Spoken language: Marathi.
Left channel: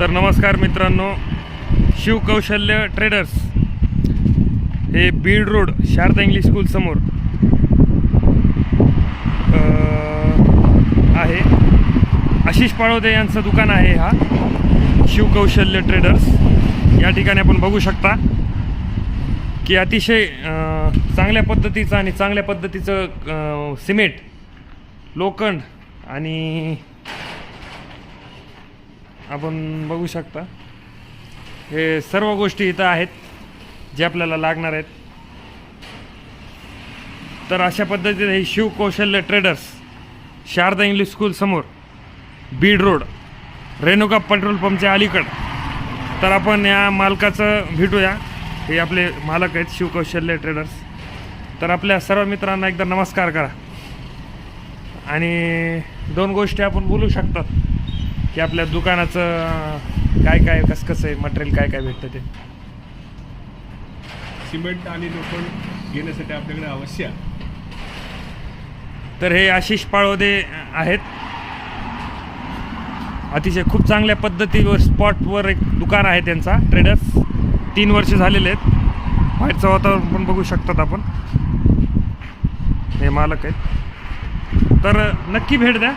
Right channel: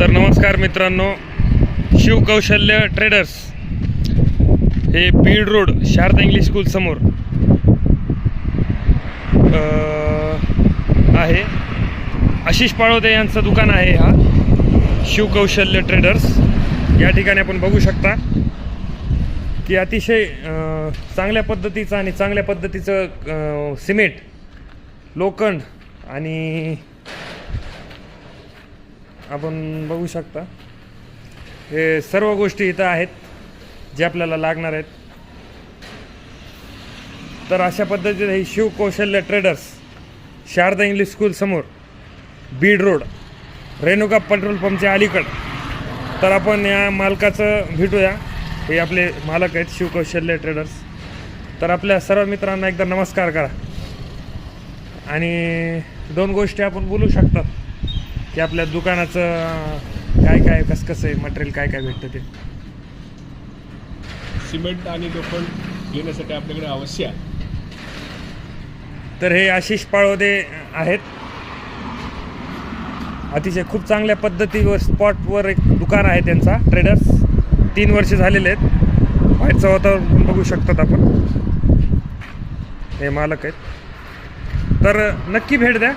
तर नमस्कार मित्रांनो, शिवकौशल्य ट्रेडर्स हे Beed road Sharada English school समोर आहे. आशिष पाळोदे यांचं दुकान आहे. हा शिवकौशल्य ट्रेडर्स या ठिकाणी आपण बघू शकता की अतिशय चांगल्या पद्धतीचं आणि चांगल्या पद्धतीचं सिमेंट, लोखंड आणि आपण बघू शकता हे सर्व गोष्टी इथं आहेत जे आपल्याला लागणार आहेत. तर अशा पद्धतीने ही शिवकौशल्य ट्रेडर्स शारदा इंग्लिश स्कूल समोर बीड रोड रेणुका पेट्रोल पंपच्या अलीकड. तर आपण या मालकाचं भेटूया. हे आपले मालक आहेत शिवकौशल्य ट्रेडर्स. तर आपल्या सर्व मित्रांना एकदा नमस्कार करा आणि दोन गोष्टी आपण बोलू शकतात की आपल्या दुकानाचं काय काय कसं आहे, मटेरियल काय काय भेटतं ते. सिमेंट आणि लोखंड घेण्यासाठी आपल्याकडे अवश्य. तर हे आशिष पाळोदे आहेत. अतिशय खूप चांगल्या पद्धतीवर स्पॉटवर एक दुकान आहे त्यांचा ट्रेडर्स. 3 वर्ष झालेले आहेत. बाहेरचं वातावरण पण बघू शकतात आपण. हे मालक आहेत. तर नक्की भेट द्या.